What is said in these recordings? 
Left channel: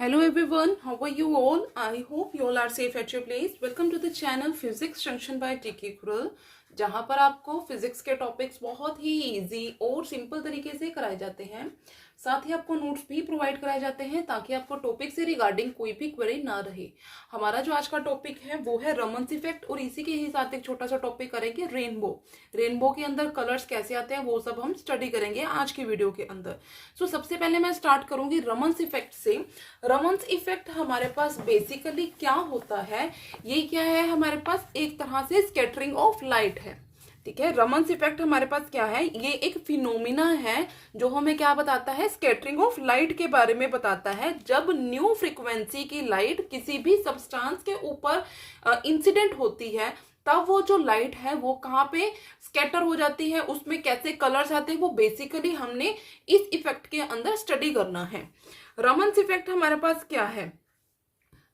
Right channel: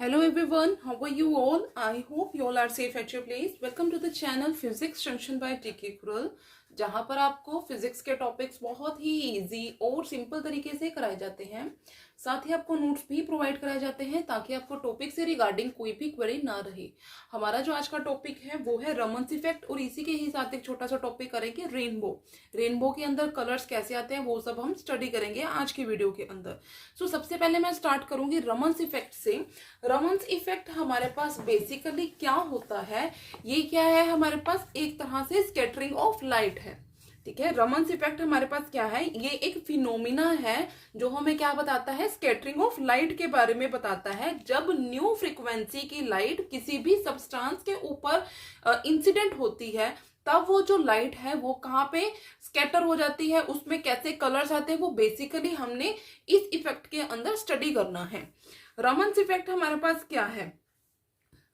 Hello everyone, how are you all? I hope you all are safe at your place. Welcome to the channel Physics Junction by TK Krull, जहाँ पर आपको physics के topics बहुत ही easy और simple तरीके से कराए जाते हैं। साथ ही आपको नोट्स भी प्रोवाइड कराए जाते हैं ताकि आपको टॉपिक से रिगार्डिंग कोई भी क्वेरी ना रहे। हमारा जो आज का टॉपिक है वो है रमन्स इफेक्ट और इसी के ही साथ एक छोटा सा टॉपिक करेंगे रेनबो। रेनबो के अंदर कलर्स कैसे आते हैं वो सब हम स्टडी करेंगे आज की वीडियो के अंदर। सो सबसे पहले मैं स्टार्ट करूंगी रमन्स इफेक्ट से। रमन्स इफेक्ट हमारे पास बेसिकली क्या होता है, ये क्या है, हमारे पास एक तरह से स्कैटरिंग ऑफ लाइट है। ठीक है, रमन्स इफेक्ट हमारे पास क्या है, ये एक फिनोमिना है जो हमें क्या बताता है, स्कैटरिंग ऑफ लाइट के बारे में बताता है। जब न्यू फ्रीक्वेंसी की लाइट किसी भी सब्सटेंस के ऊपर इंसिडेंट होती है तब वो जो लाइट है वो कहाँ पे स्कैटर हो जाती है, उसमें कैसे कलर्स आते हैं, वो बेसिकली हमने इस इफेक्ट के अंदर स्टडी करना है। रमन्स इफेक्ट हमारे पास क्या है,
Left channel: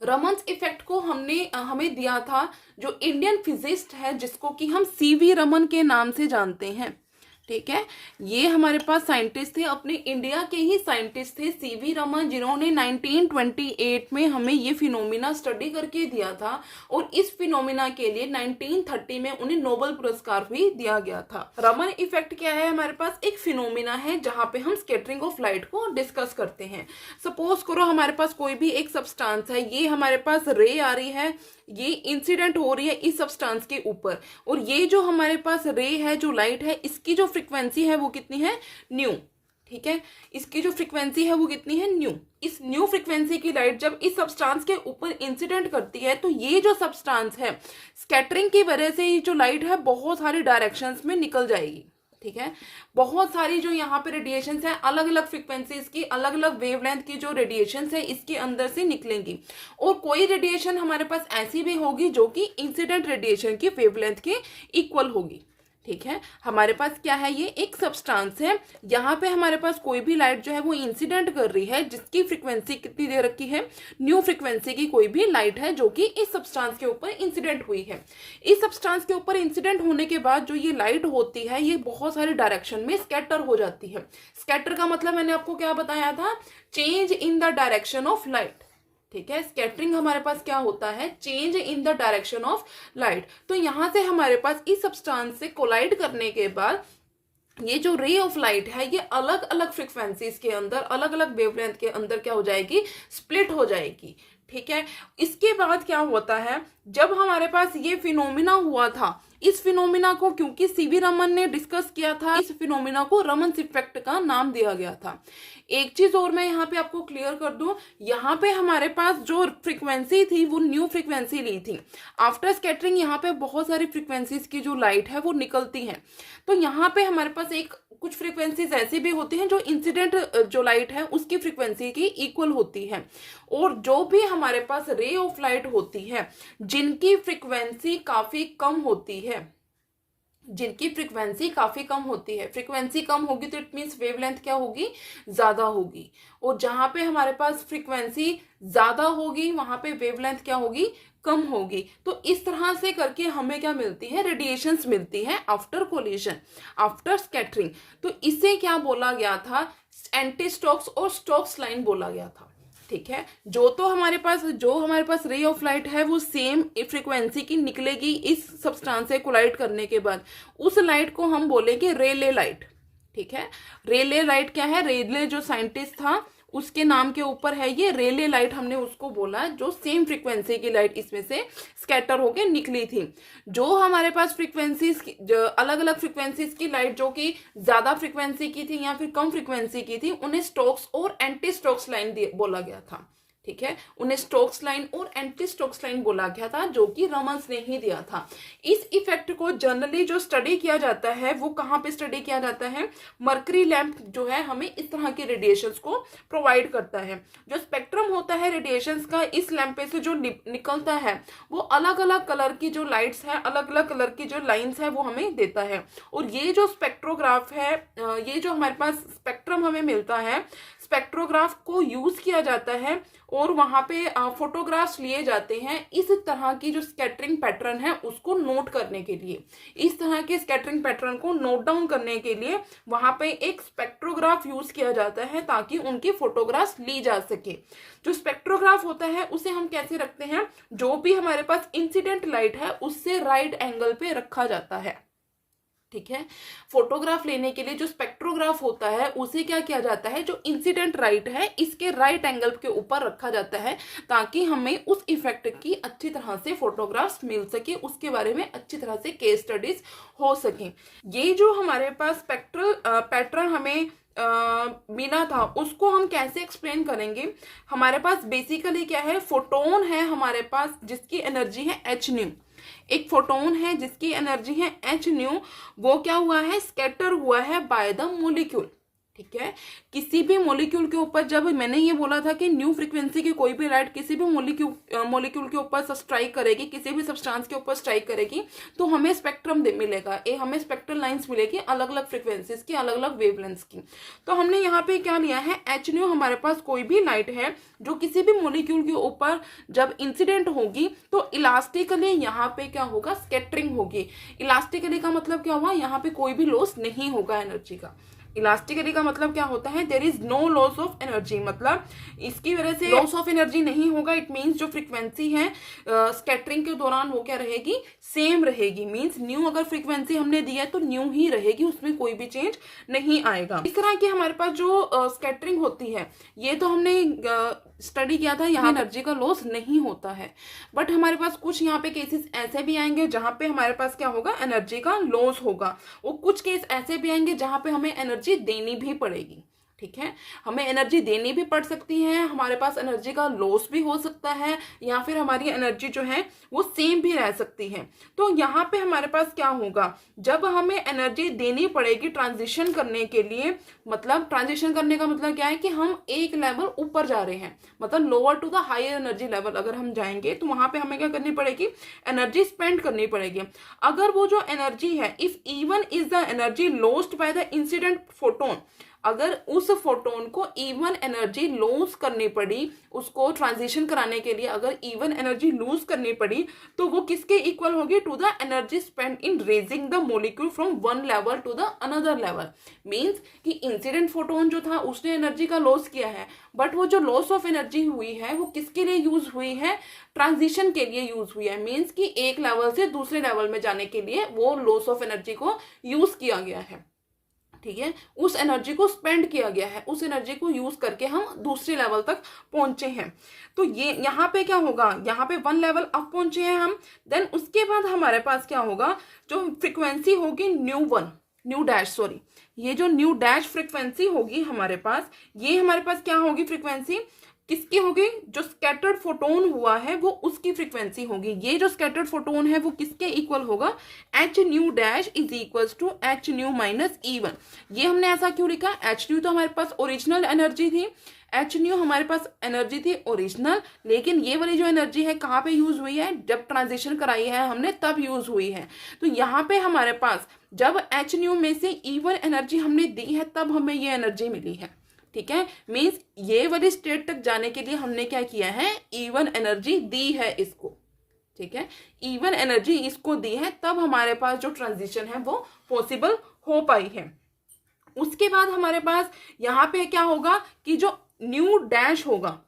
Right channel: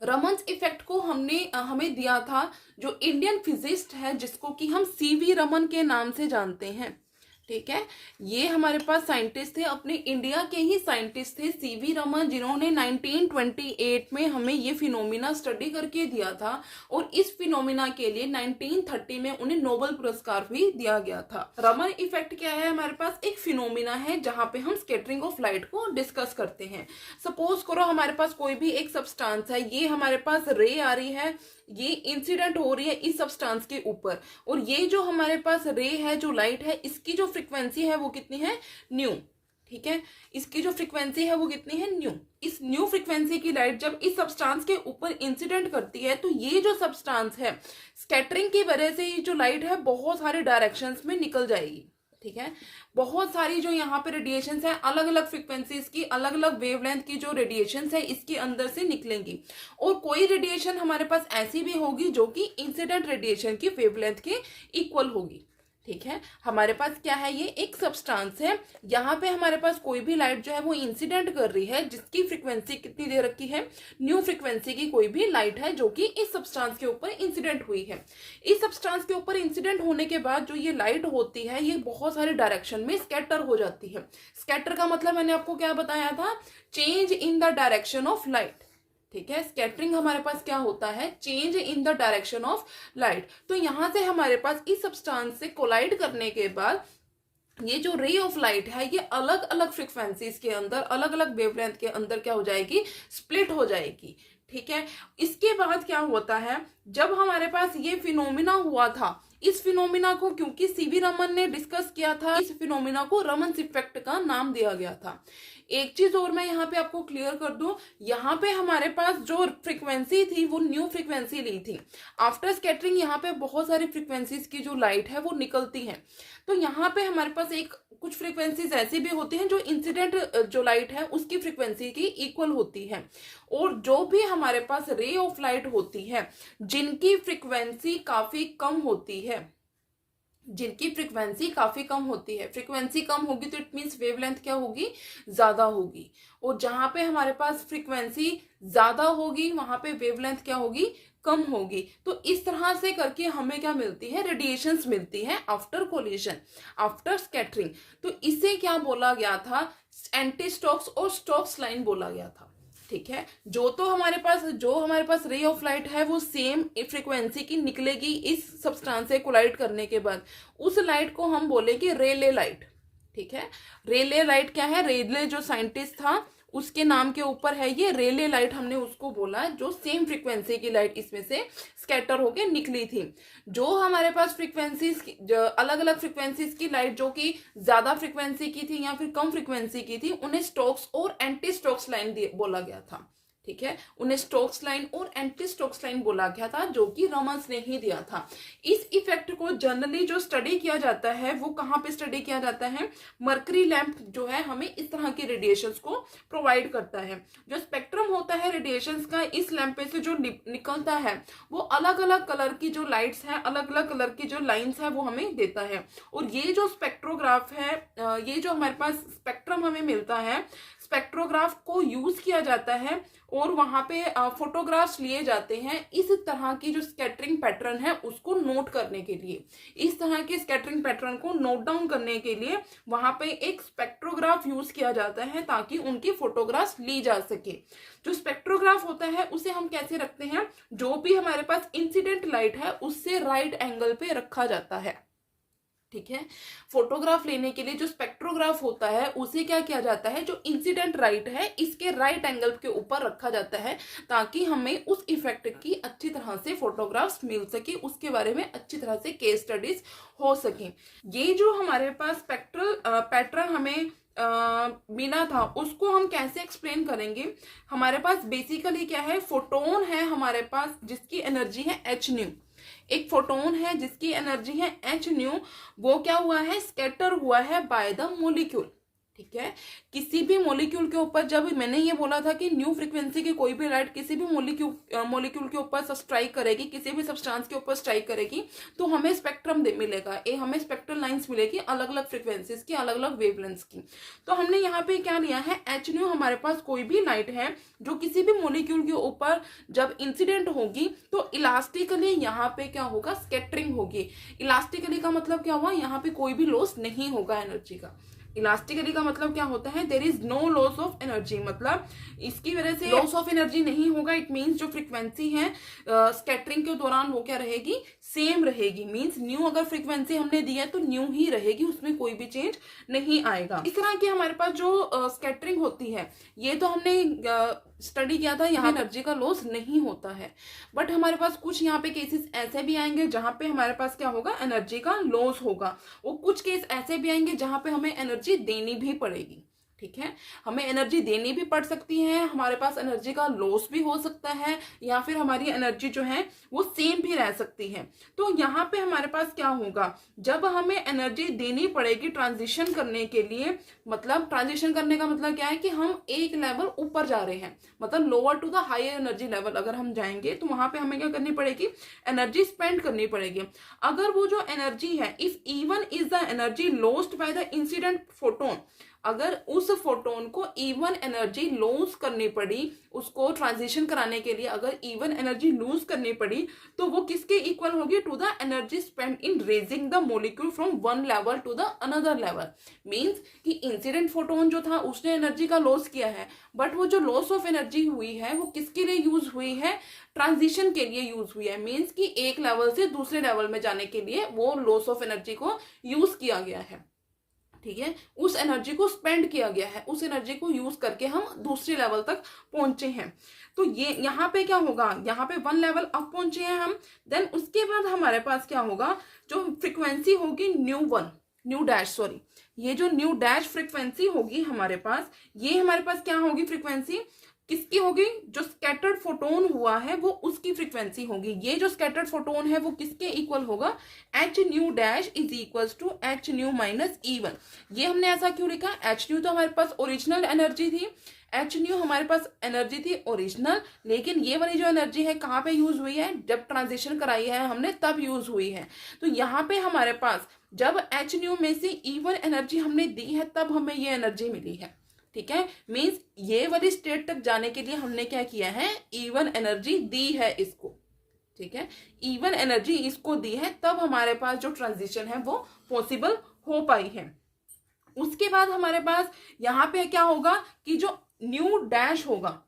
रमन्स इफेक्ट को हमें दिया था जो इंडियन फिजिस्ट है जिसको कि हम सीवी रमन के नाम से जानते हैं। ठीक है, ये हमारे पास साइंटिस्ट थे, अपने इंडिया के ही साइंटिस्ट थे सीवी रमन, जिन्होंने 1928 में हमें ये फिनोमिना स्टडी करके दिया था और इस फिनोमिना के लिए 1930 में उन्हें नोबेल पुरस्कार भी दिया गया था। रमन इफेक्ट क्या है, हमारे पास एक फिनोमिना है जहां पे हम स्कैटरिंग ऑफ लाइट को डिस्कस करते हैं। सपोज करो हमारे पास कोई भी एक सब्सटेंस है, ये हमारे पास रे आ रही है, ये इंसिडेंट हो रही है इस सब्सटेंस के ऊपर, और ये जो हमारे पास रे है, जो लाइट है, इसकी जो फ्रीक्वेंसी है वो कितनी है, न्यू। ठीक है, इसकी जो फ्रीक्वेंसी है वो कितनी है, न्यू। इस न्यू फ्रीक्वेंसी की लाइट जब इस सब्सटेंस के ऊपर इंसिडेंट करती है तो ये जो सब्सटेंस है, स्कैटरिंग की वजह से ये जो लाइट है बहुत सारी डायरेक्शंस में निकल जाएगी। ठीक है, बहुत सारी जो यहाँ पे रेडिएशंस है, अलग अलग फ्रीक्वेंसीज की, अलग अलग वेवलेंथ की जो रेडिएशंस है इसके अंदर से निकलेंगी, और कोई रेडिएशन हमारे पास ऐसी भी होगी जो कि इंसिडेंट रेडिएशन की वेवलेंथ के इक्वल होगी। ठीक है, हमारे पास क्या है, ये एक सब्सटेंस है, यहाँ पे हमारे पास कोई भी लाइट जो है वो इंसिडेंट कर रही है, जिसकी फ्रीक्वेंसी कितनी दे रखी है, न्यू फ्रीक्वेंसी की कोई भी लाइट है जो कि इस सब्सटेंस के ऊपर इंसिडेंट हुई है। इस सब्सटेंस के ऊपर इंसिडेंट होने के बाद जो ये लाइट होती है ये बहुत सारे डायरेक्शन में स्कैटर हो जाती है। स्कैटर का मतलब मैंने आपको क्या बताया था, change in the direction of light. ठीक है, स्कैटरिंग हमारे पास क्या होता है, change in the direction of light. तो यहां से हमारे पास इस सब्सटेंस से कोलाइड करने के बाद ये जो रे ऑफ लाइट है ये अलग अलग फ्रीक्वेंसीज के अंदर, अलग अलग वेवलेंथ के अंदर क्या हो जाएगी, स्प्लिट हो जाएगी। ठीक है, इसके बाद क्या होता है, जब हमारे पास ये फिनोमिना हुआ था, इस फिनोमिना को क्योंकि सीवी रमन ने डिस्कस किया था, इस फिनोमिना को रमन्स इफेक्ट का नाम दिया गया था। एक चीज और मैं यहाँ पे आपको क्लियर कर दूं, यहाँ पे हमारे पास जो फ्रीक्वेंसी थी वो न्यू फ्रीक्वेंसी ली थी। आफ्टर स्कैटरिंग यहाँ पे बहुत सारी फ्रीक्वेंसीज की जो लाइट है वो निकलती है, तो यहाँ पे हमारे पास एक कुछ फ्रीक्वेंसीज ऐसी भी होती हैं जो इंसिडेंट जो लाइट है उसकी फ्रीक्वेंसी की इक्वल होती है, और जो भी हमारे पास रे ऑफ लाइट होती है जिनकी फ्रीक्वेंसी काफी कम होती है, जिनकी फ्रीक्वेंसी काफी कम होती है, फ्रीक्वेंसी कम होगी तो इट मीन्स वेवलेंथ क्या होगी, ज्यादा होगी, और जहां पे हमारे पास फ्रीक्वेंसी ज्यादा होगी वहां पे वेवलेंथ क्या होगी, कम होगी। तो इस तरह से करके हमें क्या मिलती है, रेडिएशंस मिलती है आफ्टर कोलिजन, आफ्टर स्कैटरिंग। तो इसे क्या बोला गया था, एंटी स्टोक्स और स्टोक्स लाइन बोला गया था। ठीक है, जो हमारे पास रे ऑफ लाइट है वो सेम फ्रीक्वेंसी की निकलेगी इस सब्सटेंस से कोलाइड करने के बाद, उस लाइट को हम बोलेंगे रेले लाइट। ठीक है, रेले लाइट क्या है, रेले जो साइंटिस्ट था उसके नाम के ऊपर है ये रेले लाइट, हमने उसको बोला जो सेम फ्रीक्वेंसी की लाइट इसमें से स्कैटर होके निकली थी। जो हमारे पास फ्रीक्वेंसीज, अलग अलग फ्रीक्वेंसीज की लाइट जो कि ज्यादा फ्रीक्वेंसी की थी या फिर कम फ्रीक्वेंसी की थी, उन्हें स्टोक्स और एंटी स्टोक्स लाइन बोला गया था। ठीक है, उन्हें स्टोक्स लाइन और एंटी स्टोक्स लाइन बोला गया था जो कि रमन्स ने ही दिया था। इस इफेक्ट को जनरली जो स्टडी किया जाता है वो कहाँ पे स्टडी किया जाता है, मरकरी लैंप जो है हमें इस तरह के रेडिएशंस को प्रोवाइड करता है। जो स्पेक्ट्रम होता है रेडिएशंस का, इस लैंप पे से जो निकलता है वो अलग अलग कलर की जो लाइट्स हैं, अलग अलग कलर की जो लाइन्स है वो हमें देता है। और ये जो स्पेक्ट्रोग्राफ है, ये जो हमारे पास स्पेक्ट्रम हमें मिलता है, स्पेक्ट्रोग्राफ को यूज किया जाता है और वहां पे फोटोग्राफ्स लिए जाते हैं इस तरह की जो स्कैटरिंग पैटर्न है उसको नोट करने के लिए। इस तरह के स्कैटरिंग पैटर्न को नोट डाउन करने के लिए वहां पे एक स्पेक्ट्रोग्राफ यूज किया जाता है ताकि उनकी फोटोग्राफ्स ली जा सके। जो स्पेक्ट्रोग्राफ होता है उसे हम कैसे रखते हैं, जो भी हमारे पास इंसिडेंट लाइट है उससे राइट एंगल पे रखा जाता है। ठीक है, फोटोग्राफ लेने के लिए जो स्पेक्ट्रोग्राफ होता है उसे क्या किया जाता है, जो इंसिडेंट राइट है इसके राइट एंगल के ऊपर रखा जाता है ताकि हमें उस इफेक्ट की अच्छी तरह से फोटोग्राफ्स मिल सके, उसके बारे में अच्छी तरह से केस स्टडीज हो सके। ये जो हमारे पास स्पेक्ट्रल पैटर्न हमें मिला था उसको हम कैसे एक्सप्लेन करेंगे। हमारे पास बेसिकली क्या है, फोटोन है हमारे पास जिसकी एनर्जी है एच न्यू। एक फोटोन है जिसकी एनर्जी है एच न्यू, वो क्या हुआ है, स्कैटर हुआ है बाय द मोलिक्यूल। ठीक है, किसी भी मोलिक्यूल के ऊपर, जब मैंने ये बोला था कि न्यू फ्रीक्वेंसी की कोई भी लाइट किसी भी मोलिक्यूल के ऊपर स्ट्राइक करेगी, किसी भी सब्सटेंस के ऊपर स्ट्राइक करेगी तो हमें स्पेक्ट्रम मिलेगा, हमें स्पेक्ट्रल लाइंस मिलेगी अलग अलग फ्रीक्वेंसीज की, अलग अलग वेवलेंथ्स की। तो हमने यहाँ पे क्या लिया है, एच न्यू हमारे पास कोई भी लाइट है जो किसी भी मोलिक्यूल के ऊपर जब इंसिडेंट होगी तो इलास्टिकली यहाँ पे क्या होगा, स्कैटरिंग होगी। इलास्टिकली का मतलब क्या हुआ, यहाँ पे कोई भी लॉस नहीं होगा एनर्जी का। इलास्टिकली का मतलब क्या होता है, there is no loss of energy, मतलब इसकी वजह से लॉस ऑफ एनर्जी नहीं होगा। इट मींस जो फ्रीक्वेंसी है स्कैटरिंग के दौरान वो क्या रहेगी, सेम रहेगी। मींस न्यू अगर फ्रीक्वेंसी हमने दी है तो न्यू ही रहेगी, उसमें कोई भी चेंज नहीं आएगा। इस तरह की हमारे पास जो स्कैटरिंग होती है ये तो हमने स्टडी किया था, यहाँ एनर्जी का लॉस नहीं होता है। बट हमारे पास कुछ यहाँ पे केसेस ऐसे भी आएंगे जहां पे हमारे पास क्या होगा, एनर्जी का लॉस होगा। और कुछ केस ऐसे भी आएंगे जहां पे हमें एनर्जी देनी भी पड़ेगी। ठीक है, हमें एनर्जी देनी भी पड़ सकती है, हमारे पास एनर्जी का लॉस भी हो सकता है, या फिर हमारी एनर्जी जो है वो सेम भी रह सकती है। तो यहाँ पे हमारे पास क्या होगा, जब हमें एनर्जी देनी पड़ेगी ट्रांजिशन करने के लिए, मतलब ट्रांजिशन करने का मतलब क्या है कि हम एक लेवल ऊपर जा रहे हैं, मतलब lower to the higher energy level अगर हम जाएंगे तो वहां पे हमें क्या करनी पड़ेगी, एनर्जी स्पेंड करनी पड़ेगी। अगर वो जो एनर्जी है, if even is the energy lost by the incident photon, अगर उस फोटोन को इवन एनर्जी लूज करनी पड़ी, उसको ट्रांजिशन कराने के लिए अगर इवन एनर्जी लूज करनी पड़ी तो वो किसके इक्वल होगी, to the energy spend in raising the molecule from one level to the another level. Means कि इंसिडेंट फोटोन जो था उसने एनर्जी का लॉस किया है, बट वो जो लॉस ऑफ एनर्जी हुई है वो किसके लिए यूज हुई है, ट्रांजिशन के लिए यूज हुई है। मींस कि एक लेवल से दूसरे लेवल में जाने के लिए वो लॉस ऑफ एनर्जी को यूज किया गया है। ठीक है, उस एनर्जी को स्पेंड किया गया है, उस एनर्जी को यूज करके हम दूसरे लेवल तक पहुंचे हैं। तो ये यहाँ पे क्या होगा, यहाँ पे वन लेवल अप पहुंचे हैं हम। देन उसके बाद हमारे पास क्या होगा, जो फ्रीक्वेंसी होगी न्यू डैश ये जो न्यू डैश फ्रीक्वेंसी होगी हमारे पास, ये हमारे पास क्या होगी, फ्रीक्वेंसी किसकी होगी, जो स्कैटर्ड फोटोन हुआ है वो उसकी फ्रीक्वेंसी होगी। ये जो स्कैटर्ड फोटोन है वो किसके इक्वल होगा, h nu dash is equals to h nu minus E1। ये हमने ऐसा क्यों लिखा, एच न्यू तो हमारे पास ओरिजिनल एनर्जी थी, एच न्यू हमारे पास एनर्जी थी ओरिजिनल, लेकिन ये वाली जो एनर्जी है कहाँ पे यूज हुई है, जब ट्रांजिशन कराई है हमने तब यूज हुई है। तो यहाँ पे हमारे पास जब एच न्यू में से E1 एनर्जी हमने दी है तब हमें ये एनर्जी मिली है। ठीक है, मींस ये वाली स्टेट तक जाने के लिए हमने क्या किया है, E1 एनर्जी दी है इसको। ठीक है, E1 एनर्जी इसको दी है, तब हमारे पास जो ट्रांजिशन है वो पॉसिबल हो पाई है। उसके बाद हमारे पास यहाँ पे क्या होगा कि जो न्यू डैश होगा,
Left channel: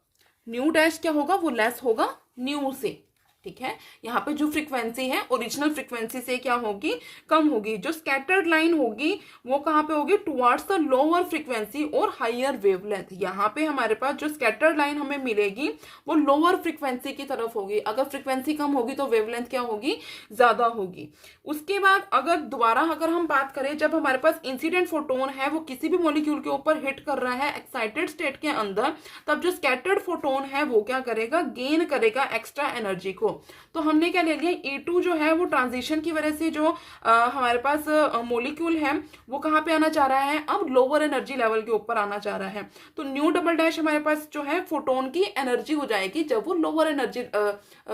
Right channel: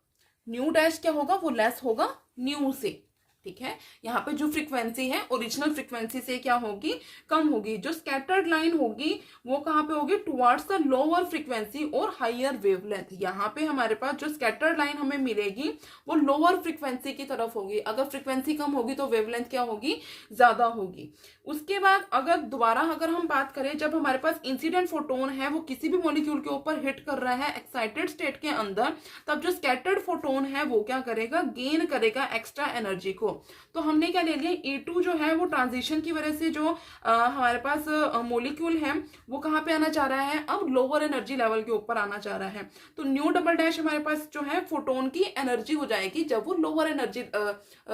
न्यू डैश क्या होगा, वो लेस होगा न्यू से। ठीक है, यहाँ पे जो फ्रीक्वेंसी है ओरिजिनल फ्रीक्वेंसी से क्या होगी, कम होगी। जो स्कैटर्ड लाइन होगी वो कहाँ पे होगी, टुवर्ड्स द लोअर फ्रीक्वेंसी और हायर वेवलेंथ। यहाँ पे हमारे पास जो स्कैटर्ड लाइन हमें मिलेगी वो लोअर फ्रीक्वेंसी की तरफ होगी। अगर फ्रीक्वेंसी कम होगी तो वेवलेंथ क्या होगी, ज्यादा होगी। उसके बाद अगर हम बात करें, जब हमारे पास इंसिडेंट फोटोन है वो किसी भी मॉलिक्यूल के ऊपर हिट कर रहा है एक्साइटेड स्टेट के अंदर, तब जो स्कैटर्ड फोटोन है वो क्या करेगा, गेन करेगा एक्स्ट्रा एनर्जी को। तो हमने क्या ले लिया, E2 जो है वो ट्रांजिशन की वजह से जो हमारे पास मॉलिक्यूल है वो कहाँ पे आना चाह रहा है, अब लोअर एनर्जी लेवल के ऊपर आना चाह रहा है। तो न्यू डबल डैश हमारे पास जो है फोटोन की एनर्जी हो जाएगी जब वो लोअर एनर्जी,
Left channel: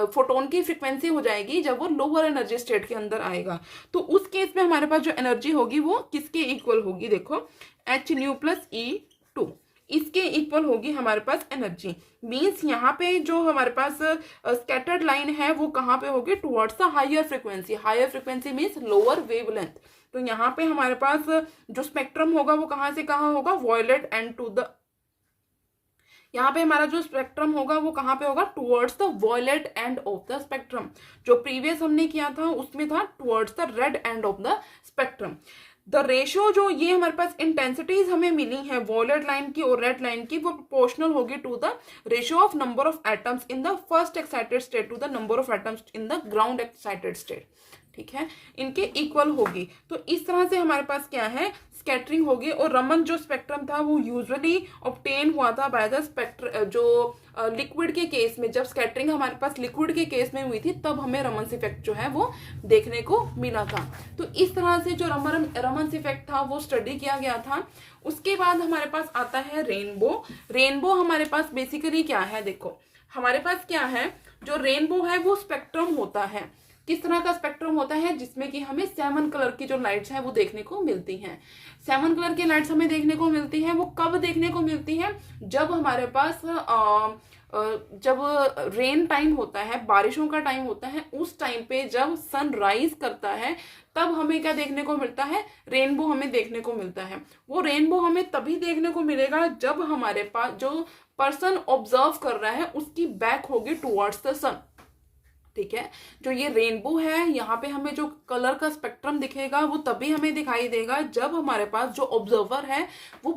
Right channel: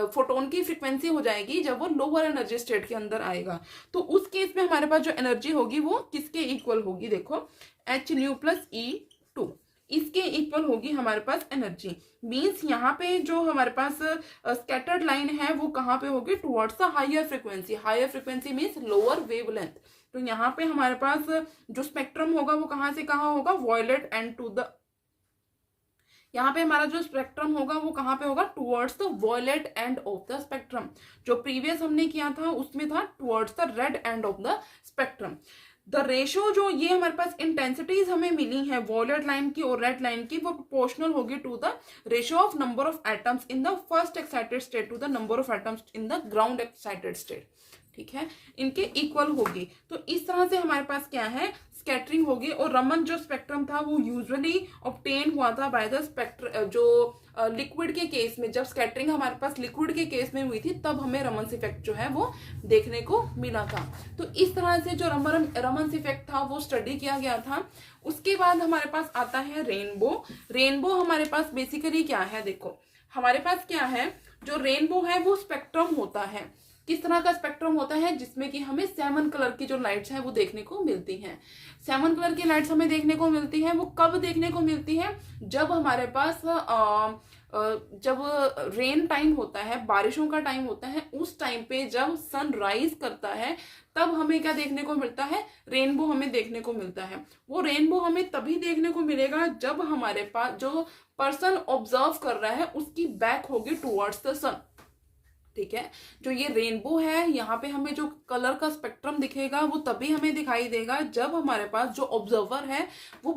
फोटोन की फ्रीक्वेंसी हो जाएगी जब वो लोअर एनर्जी स्टेट के अंदर आएगा। तो उस केस में हमारे पास जो एनर्जी होगी वो किसके इक्वल होगी, देखो एच न्यू प्लस E2। इसके इक्वल होगी हमारे पास एनर्जी। मीन्स यहाँ पे जो हमारे पास स्कैटर्ड लाइन है वो कहाँ पे होगी, towards the higher frequency. Higher frequency means lower wavelength. तो यहाँ पे हमारे पास जो स्पेक्ट्रम होगा वो कहाँ से कहाँ होगा, वॉयलेट एंड टू द, यहाँ पे हमारा जो स्पेक्ट्रम होगा वो कहाँ पे होगा, towards the violet end of the spectrum. जो प्रीवियस हमने किया था उसमें था towards the red end of the spectrum. The ratio जो ये हमारे पास इंटेंसिटीज हमें मिली है वॉयलेट लाइन की और रेड लाइन की, वो प्रोपोर्शनल होगी to the ratio of number of atoms in the first excited state to the number of atoms in the ground excited state. ठीक है, इनके इक्वल होगी। तो इस तरह से हमारे पास क्या है, स्कैटरिंग होगी। और रमन जो स्पेक्ट्रम था वो यूजुअली ऑब्टेन हुआ था बाय द स्पेक्ट्र, जो लिक्विड के केस में, जब स्कैटरिंग हमारे पास लिक्विड के केस में हुई थी तब हमें रमन्स इफेक्ट जो है वो देखने को मिला था। तो इस तरह से जो रमन्स इफेक्ट था वो स्टडी किया गया था। उसके बाद हमारे पास आता है रेनबो। रेनबो हमारे पास बेसिकली क्या है, देखो हमारे पास क्या है, जो रेनबो है वो स्पेक्ट्रम होता है। किस तरह का स्पेक्ट्रम होता है, जिसमें कि हमें 7 कलर की जो लाइट्स हैं वो देखने को मिलती हैं। 7 कलर की लाइट्स हमें देखने को मिलती है। वो कब देखने को मिलती है, जब हमारे पास जब रेन टाइम होता है, बारिशों का टाइम होता है, उस टाइम पे जब सन राइज करता है तब हमें क्या देखने को मिलता है, रेनबो हमें देखने को मिलता है। वो रेनबो हमें तभी देखने को मिलेगा जब हमारे पास जो पर्सन ऑब्जर्व कर रहा है उसकी बैक होगी टुवर्ड्स द सन। ठीक है, जो ये रेनबो है यहाँ पे हमें जो कलर का स्पेक्ट्रम दिखेगा वो तभी हमें दिखाई देगा जब हमारे पास जो ऑब्जर्वर है वो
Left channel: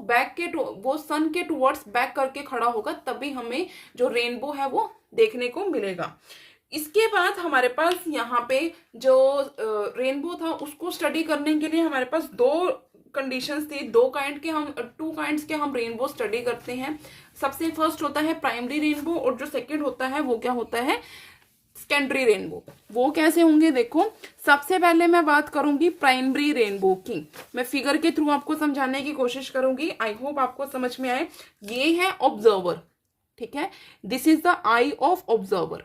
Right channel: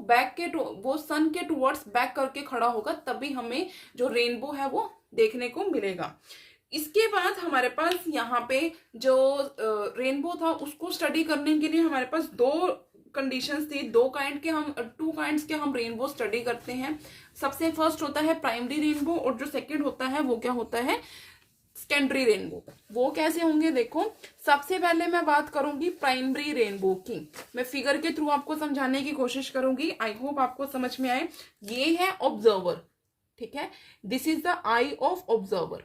वो सन के टुवर्ड्स बैक करके खड़ा होगा, तभी हमें जो रेनबो है वो देखने को मिलेगा। इसके बाद हमारे पास यहाँ पे जो रेनबो था उसको स्टडी करने के लिए हमारे पास 2 कंडीशंस थी। 2 काइंड्स के हम रेनबो स्टडी करते हैं। सबसे फर्स्ट होता है प्राइमरी रेनबो और जो सेकेंड होता है वो क्या होता है, सेकेंडरी रेनबो। वो कैसे होंगे, देखो सबसे पहले मैं बात करूंगी प्राइमरी रेनबो की। मैं फिगर के थ्रू आपको समझाने की कोशिश करूंगी, आई होप आपको समझ में आए। ये है ऑब्जर्वर, ठीक है, this is the I of observer.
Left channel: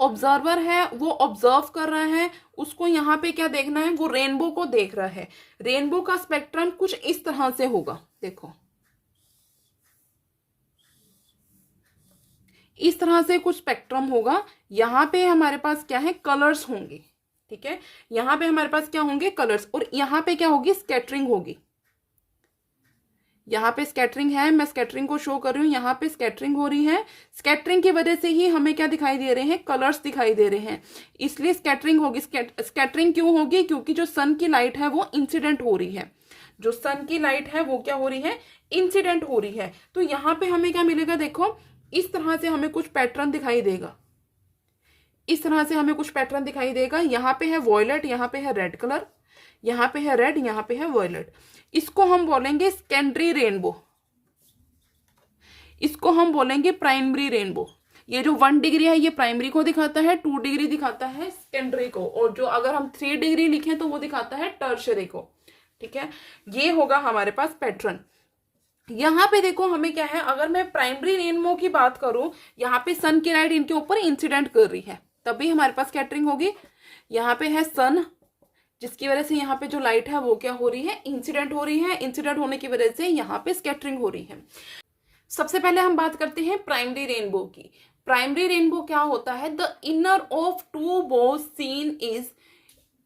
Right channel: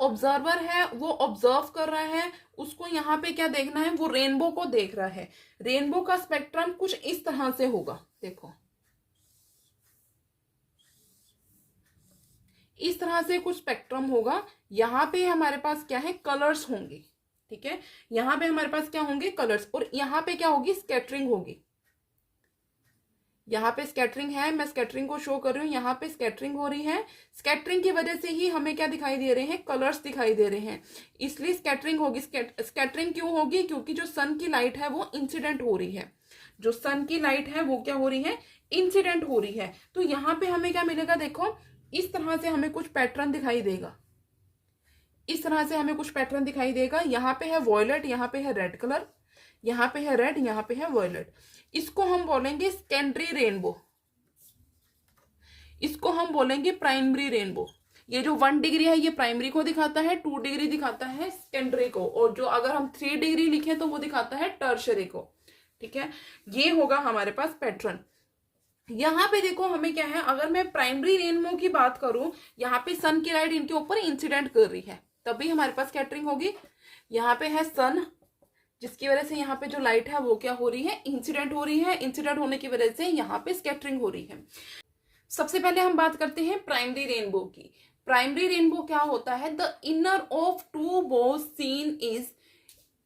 Observer है वो ऑब्जर्व कर रहा है, उसको यहाँ पे क्या देखना है, वो रेनबो को देख रहा है। रेनबो का स्पेक्ट्रम कुछ इस तरह से होगा, देखो इस तरह से कुछ स्पेक्ट्रम होगा। यहाँ पे हमारे पास क्या है, कलर्स होंगे। ठीक है, यहाँ पे हमारे पास क्या होंगे, कलर्स। और यहाँ पे क्या होगी, स्कैटरिंग होगी। यहाँ पे स्कैटरिंग है, मैं स्कैटरिंग को शो कर रही हूँ, यहाँ पे स्कैटरिंग हो रही है। स्कैटरिंग की वजह से ही हमें क्या दिखाई दे रहे हैं, कलर्स दिखाई दे रहे हैं, इसलिए स्कैटरिंग होगी। स्कैटरिंग क्यों होगी, क्योंकि जो सन की लाइट है वो इंसिडेंट हो रही है। जो सन की लाइट है वो क्या हो रही है, इंसिडेंट हो रही है। तो यहाँ पे हमें क्या मिलेगा, देखो इस तरह से हमें कुछ पैटर्न दिखाई देगा। इस तरह से हमें कुछ पैटर्न दिखाई देगा। यहाँ पे है वॉयलेट, यहाँ पे है रेड कलर, यहाँ पे है रेड, यहाँ पे है वॉयलेट। इसको हम बोलेंगे सेकेंडरी रेनबो, इसको हम बोलेंगे प्राइमरी रेनबो। ये जो 1 डिग्री है ये प्राइमरी को दिखाता है, 2 डिग्री दिखाता है सेकेंडरी को, और जो अगर हम 3 डिग्री लिखें तो वो दिखाता है टर्शरी को। ठीक है, ये होगा हमारे पास पैटर्न। यहाँ पे देखो हमें क्या है, अगर मैं प्राइमरी रेनबो की बात करूं, यहाँ पे सन की लाइट इनके ऊपर इंसिडेंट कर रही है, तभी हमारे पास स्कैटरिंग होगी। यहाँ पे है सन, जिसकी वजह से यहाँ पे जो लाइट है वो क्या हो रही है, इंसिडेंट हो रही है। इंसिडेंट होने की वजह से यहाँ पे स्कैटरिंग हो रही है। सबसे पहले हम बात करते हैं प्राइमरी रेनबो की। प्राइमरी रेनबो क्या होता है, the inner of 2 bows seen is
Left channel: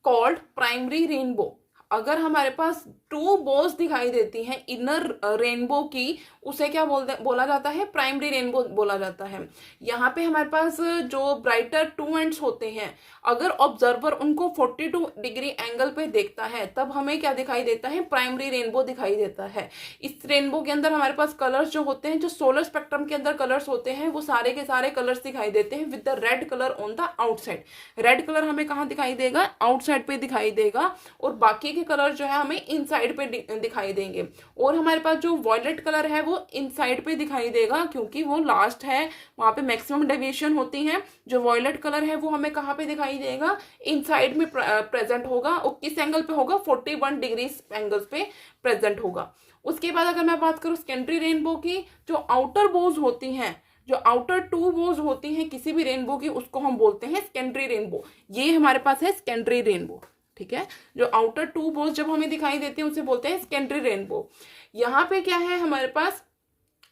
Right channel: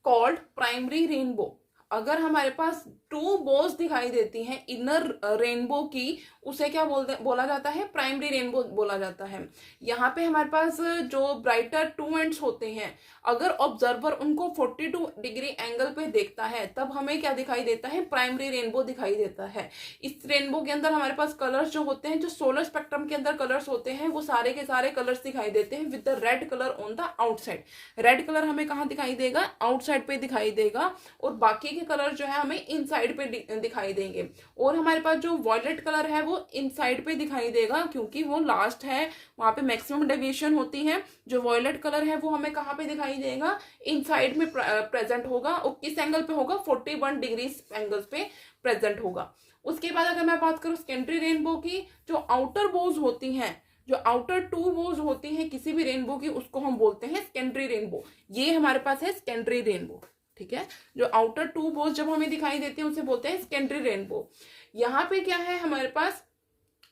called primary rainbow. अगर हमारे पास 2 बोज दिखाई देती हैं इनर रेनबो की, उसे क्या बोला जाता है, प्राइमरी रेनबो बोला जाता है। यहाँ पे हमारे पास जो ब्राइटर 2 एंड्स होते हैं, अगर ऑब्जर्वर उनको 42 डिग्री एंगल पे देखता है तब हमें क्या दिखाई देता है, प्राइमरी रेनबो दिखाई देता है। इस रेनबो के अंदर हमारे पास कलर्स जो होते हैं, जो सोलर स्पेक्ट्रम के अंदर कलर्स होते हैं, वो सारे के सारे कलर्स दिखाई देते हैं with the red colour on the outside. Red colour हमें कहाँ दिखाई देगा, आउटसाइड पे दिखाई देगा, और बाकी के कलर जो है हमें इनसाइड पे दिखाई देंगे। और हमारे पास जो वॉयलेट कलर है वो इनसाइड पे दिखाई देगा, क्योंकि वो लास्ट है, वहां पे मैक्सिमम डेविएशन होती है। जो वॉयलेट कलर है वो हमें कहाँ पे दिखाई देगा, इनसाइड में प्रेजेंट होगा। और किस एंगल पे होगा, 41 डिग्री एंगल्स पे प्रेजेंट होगा। उसके बाद अगर मैं बात करूं सेकेंडरी रेनबो की, जो आउटर बोज होती हैं, जो आउटर 2 बोज होती हैं किसी भी रेनबो की, उसको हम बोलते हैं सेकेंडरी रेनबो। ये हमारे पास है सेकेंडरी रेनबो। ठीक है, जो आउटर 2 बोज जब हमें दिखाई देती है उसे बोलते हैं सेकेंडरी रेनबो। यहाँ पे क्या है हमारे पास,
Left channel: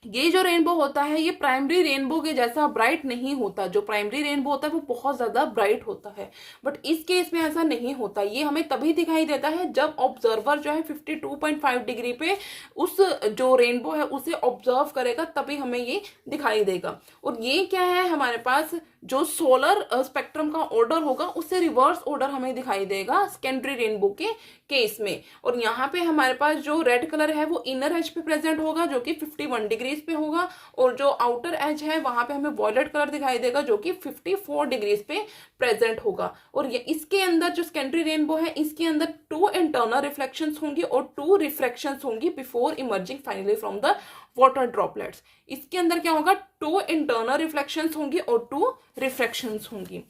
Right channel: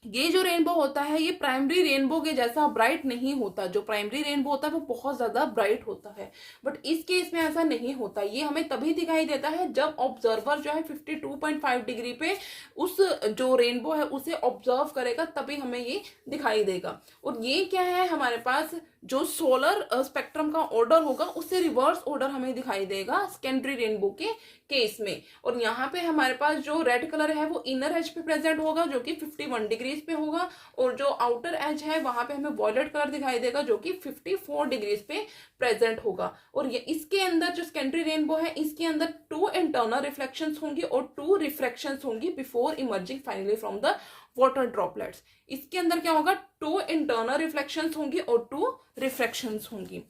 ये जो रेनबो होता है ये प्राइमरी रेनबो के जैसा ब्राइट नहीं होता। जो प्राइमरी रेनबो होता है वो बहुत ज्यादा ब्राइट होता है, बट इस केस में ऐसा नहीं होता। ये हमें तभी दिखाई देता है जब ऑब्जर्वर जो है 52.5 डिग्री पे उस जो रेनबो है उसे ऑब्जर्व करेगा, तभी हमें ये दिखाई देगा। और ये क्या है, हमारे पास जो सोलर स्पेक्ट्रम का ऑर्डर होगा उससे रिवर्स ऑर्डर हमें दिखाई देगा सेकेंडरी रेनबो के केस में। और यहाँ पे हमारे पास जो रेड कलर है वो इनर एज पे प्रेजेंट होगा जो कि 51 डिग्रीज पे होगा, और जो आउटर एज है वहां पे हमें वॉयलेट कलर दिखाई देगा जो कि 54 डिग्रीज पे प्रेजेंट होगा। और ये इसके अंदर जो सेकेंडरी रेनबो है इसके अंदर 2 इंटरनल रिफ्लेक्शंस होंगी और 2 रिफ्रैक्शंस होंगी before emerging finally from the water droplets. इसके अंदर क्या होगा, 2 इंटरनल रिफ्लेक्शंस होंगी और 2 रिफ्रैक्शंस होंगी।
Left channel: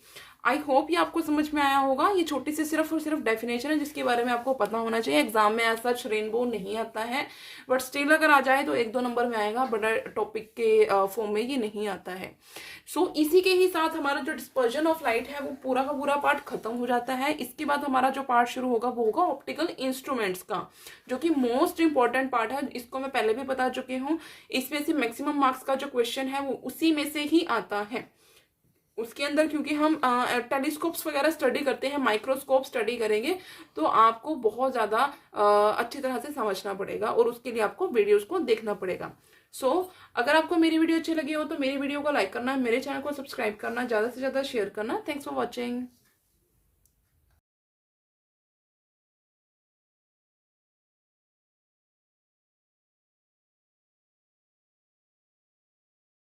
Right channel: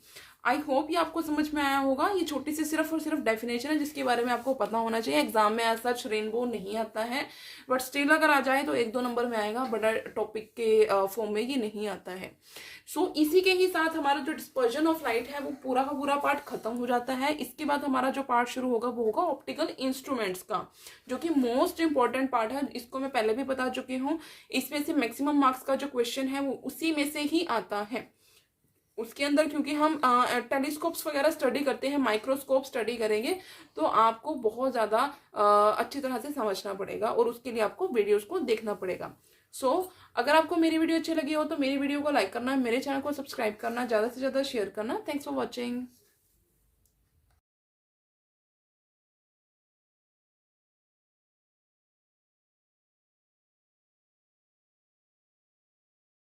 आई होप ये आपको समझ में आया होगा। ये छोटी सी सिर्फ और सिर्फ डेफिनेशन है जिसके बारे में आपको पता होना चाहिए। एग्जाम में एज सच रेनबो नहीं आता है, बट स्टिल अगर आ जाए तो 1-2 नंबर में आएगा, बड़ा टॉपिक के फॉर्म में ये नहीं आता है। इसी के ही साथ हमारा जो डिस्पर्जन ऑफ लाइट है वो पूरा का पूरा पार्ट खत्म हो जाता है। इसके बाद हमारा जो पार्ट शुरू होगा वो होगा ऑप्टिकल इंस्ट्रूमेंट्स का, जो कि मोस्ट इंपॉर्टेंट पार्ट है। इसको मैं पहले भी बता चुकी हूँ। इसमें से मैक्सिमम मार्क्स का जो क्वेश्चन है वो उसी में से ही आता है। उसके अंदर क्योंकि हम टेलीस्कोप्स वगैरह स्टडी करते हैं, माइक्रोस्कोप स्टडी करेंगे, तो आपको बहुत ज़्यादा अच्छी तरह से समझना पड़ेगा और उसके लिए आपको वीडियोस को देखना पड़ेगा। अगर आपको मेरी वीडियो अच्छी लगी हो तो मेरी वीडियो को लाइक करना, मेरे चैनल को सब्सक्राइब करना, ज़्यादा से ज़्यादा शेयर करना। Thanks for watching.